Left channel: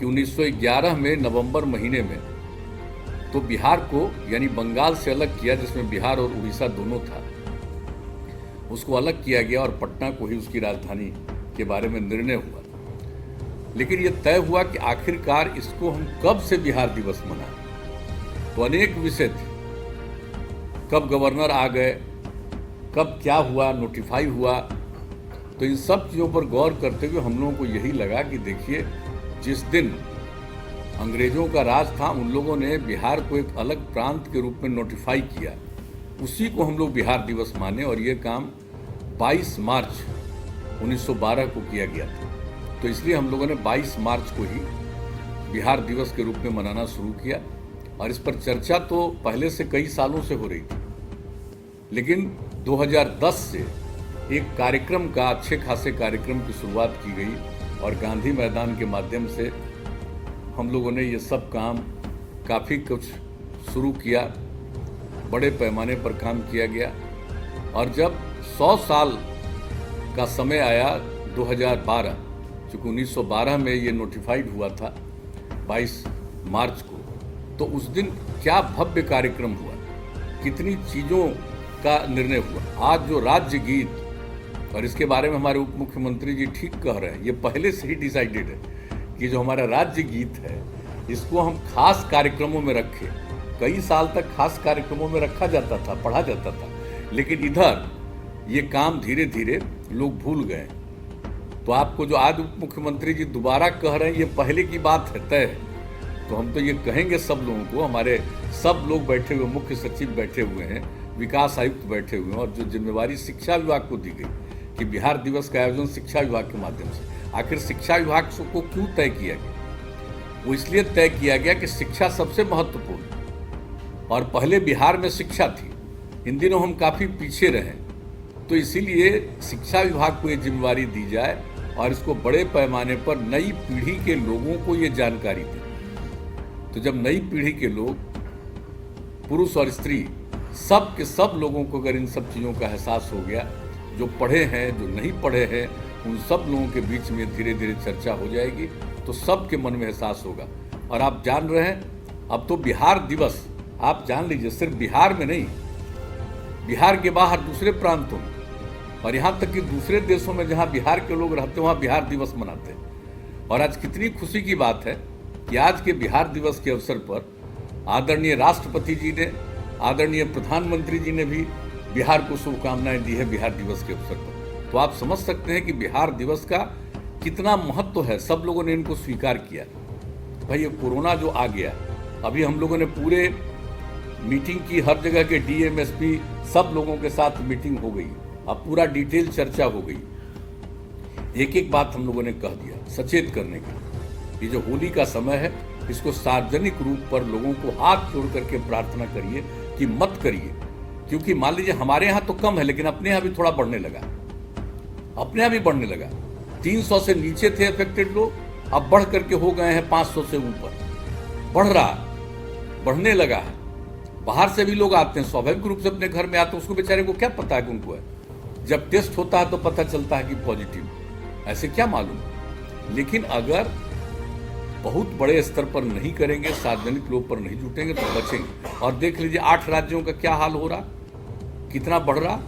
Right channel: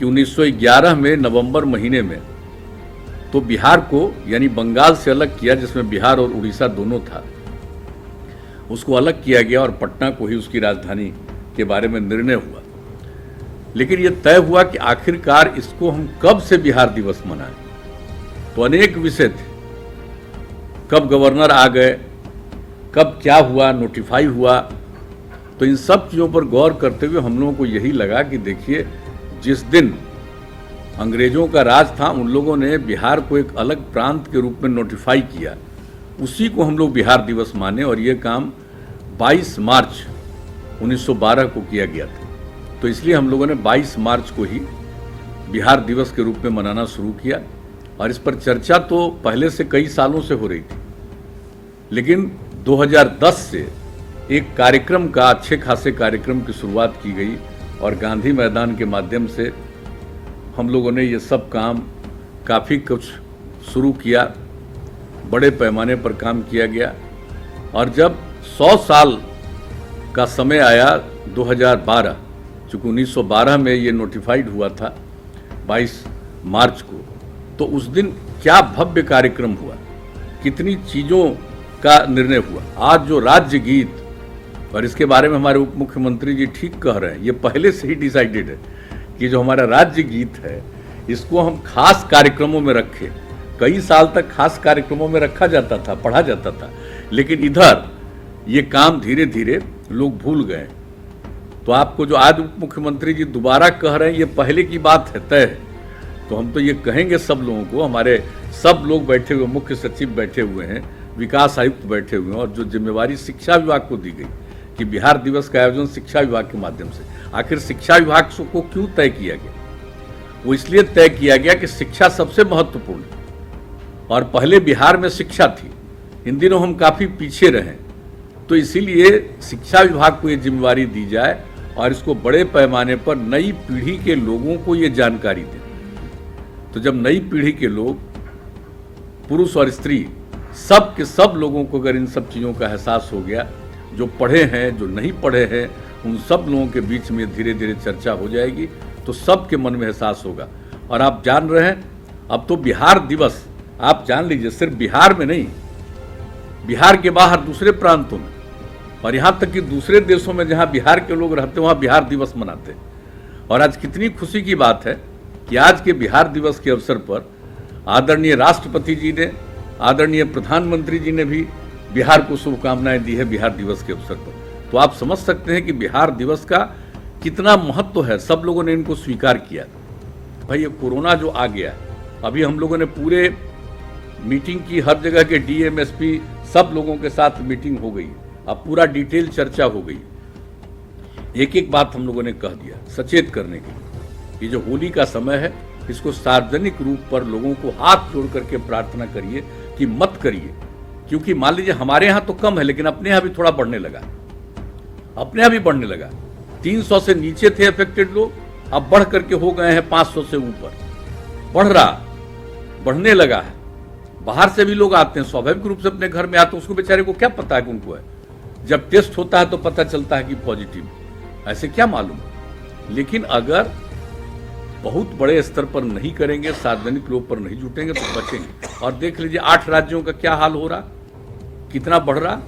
कि 1911 में नवंबर महीने में तो बिहार को यानी बंगाल से अलग किया, जिसमें बिहार और उड़ीसा दोनों था, उसको अलग किया गया और पटना को ही उसकी राजधानी के बारे में निर्णय हुआ। लेकिन यह तय हुआ कि आखिरकार इसको हम कब से बिहार दिवस मनाएं। तो अनेक विषय थे, कब गवर्नर आ गए, कब क्या हुआ, नोटिफाई हुआ। तो इन सब चीज़ों पर गौर करते हुए हम लोगों को यही लगा कि देखिए, जिस दिन अंग्रेजों का राज था उन लोगों ने बिहार को एक अलग प्रांत के रूप में नोटिफाई किया, उसी को हम लोग बिहार दिवस माने। और ये काम 22 मार्च 1912 को किया गया था। तो इसलिए हम लोगों ने 22 मार्च को ही बिहार दिवस के रूप में मनाना शुरू किया। और इस पर चर्चा तो पहले से कई सालों से हो रही थी, लेकिन 2010 से एक कार्यक्रम का, अच्छे खासे कार्यक्रम की शुरुआत की गई और गांधी मैदान के माध्यम से हम लोगों ने ये सब काम काफ़ी कुछ शुरू किया, बड़े पैमाने पर काम किया गया। और जब 100 साल का समय आया 2012, चूँकि 1912 में ये नोटिफाइड हुआ था 22 मार्च को, तो उस दिन क्या भव्य कार्यक्रम हुआ, कितनी चीज़ों का निर्णय हुआ। आज जो राज्य गीत, और इसके बारे में हमारे उप मुख्यमंत्री जी ठीक कह रहे हैं, ये पहले से ही डिसाइडेड है कि जो हमारा राज्य गीत है इसको हम खास कार्यक्रमों में रखें। कई साल तक खास कार्यक्रमों में रखा जाता था, पढ़ा जाता था, लेकिन इधर ये काम धीरे धीरे लोग भूल गए। तो आपको जो आज उप मुख्यमंत्री जी दोबारा कह रहे हैं, ये पहले की बात है, तय है। तो हम तो ये कहेंगे सब लोगों को, हमारे सब लोग बैठे हुए, मुख्य सचिव बैठे हुए हैं, विकास आयुक्त बैठे हुए हैं, और जो जिम्मेवारी शिक्षा विभाग को दी गई कि बिहार दिवस का आयोजन शिक्षा विभाग के माध्यम से। आखिर शिक्षा विभाग को क्यों तय किया गया? वो इसलिए तय किया गया कि शिक्षा सबसे महत्वपूर्ण है, और पहले बिहार में शिक्षा थी, इन दिनों हम काफ़ी पीछे रहे। तो इसीलिए शिक्षा विभाग को ये जिम्मेवारी दी जाए और इसको बड़े पैमाने पर नई पीढ़ी के लोगों को ये जानकारी दे। तो जब नई पीढ़ी के लोग, पुरुष और स्त्री, सब के सब लोगों को अगर इन सब चीज़ों का एहसास हो गया, जो पढ़े हैं, जो नहीं पढ़े हैं, उन सब लोगों के बीच में धीरे धीरे चर्चा हो जाएगी, तो सबके मन में एहसास होगा। और आप जान रहे हैं, अब तो बिहार दिवस, आप जान लीजिए, सिर्फ बिहार में नहीं, बिहार के बाहर दूसरे प्रांतों में, और यहाँ तक कि दूसरे देशों में जहाँ बिहार के लोग रहते हैं वहाँ बिहार दिवस मनाते हैं। और आज कितनी खुशी की बात है कि आज के बिहार दिवस के अवसर पर आदरणीय राष्ट्रपति जी ने, आदरणीय प्रधानमंत्री जी ने भी बिहार को शुभकामनाएं दी है बिहार दिवस के अवसर पर। तो आप समझ सकते हैं कि बिहार दिवस का कितना महत्व है। सब लोगों ने इनको स्वीकार किया। भाई, ये कोरोना जो आ गया, अभी हम लोगों ने पूरे मीटिंग की, हर जगह के डीएम, एसपी, सब लोगों के साथ मीटिंग हो गई, अब पूरा डिटेल चर्चा हो गई। एक एक बात हम लोगों ने कह दिया सचेत करने के लिए। ये जो होली का समय है, इसको सार्वजनिक रूप पर लोगों को हाथ जोड़ करके प्रार्थना करिए कि मत करिए, क्योंकि मान लीजिए हमारे यहाँ तो कम है, लेकिन अपने यहाँ भी थोड़ा बढ़ने लगा, अपने यहाँ भी बढ़ने लगा। 300 से नीचे थे अफेक्टेड लोग, अब बढ़ करके हो गए हैं 500 से ऊपर, बढ़ रहा, बढ़ने लगा है। बाहर से भी लोग आते हैं, स्वाभाविक रूप से अपने घर में आते हैं, उसको बेचारे को क्या पता है कि उनको है। जब टेस्ट होता है तो पता चलता है कि पॉजिटिव, ऐसे क्या मालूम। लेकिन अगर बहुत बड़े स्तर पर नहीं करेंगे, सार्वजनिक लोग पर नहीं जुटेंगे, तो बचेंगे। और देख लीजिए 8 राज्यों का क्या हाल हो रहा, कितना बढ़ रहा।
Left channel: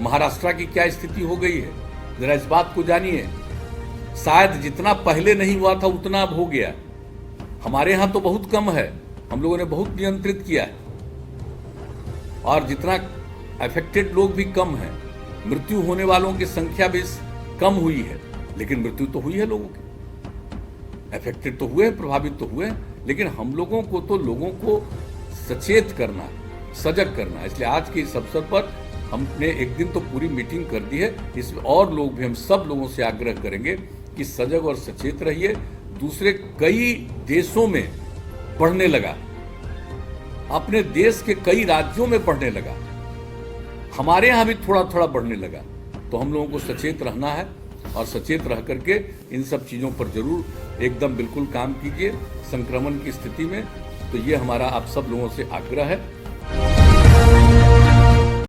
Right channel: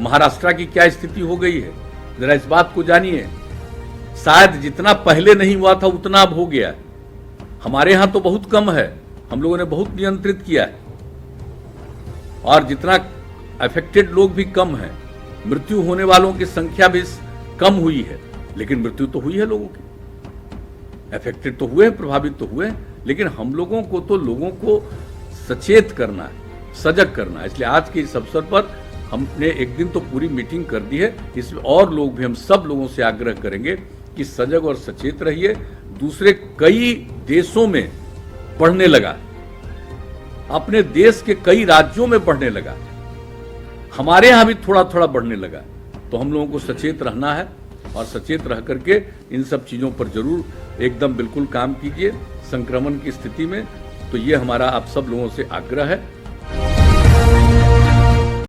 महाराष्ट्र की क्या स्थिति हो गई है, जरा इस बात को जानिए। शायद जितना पहले नहीं हुआ था उतना अब हो गया। हमारे यहाँ तो बहुत कम है, हम लोगों ने बहुत नियंत्रित किया है, और जितना अफेक्टेड लोग भी कम है, मृत्यु होने वालों की संख्या भी कम हुई है, लेकिन मृत्यु तो हुई है लोगों की। अफेक्टेड तो हुए, प्रभावित तो हुए, लेकिन हम लोगों को तो लोगों को सचेत करना है, सजग करना है। इसलिए आज के इस अवसर पर हमने एक दिन तो पूरी मीटिंग कर दी है, इसमें और लोग भी, हम सब लोगों से आग्रह करेंगे कि सजग और सचेत रहिए। दूसरे कई देशों में बढ़ने लगा, अपने देश के कई राज्यों में बढ़ने लगा, हमारे यहाँ भी थोड़ा थोड़ा बढ़ने लगा। तो हम लोगों को सचेत रहना है, और सचेत रह करके इन सब चीज़ों पर जरूर एकदम बिल्कुल काम कीजिए संक्रमण की स्थिति में। तो ये हमारा आप सब लोगों से आग्रह है।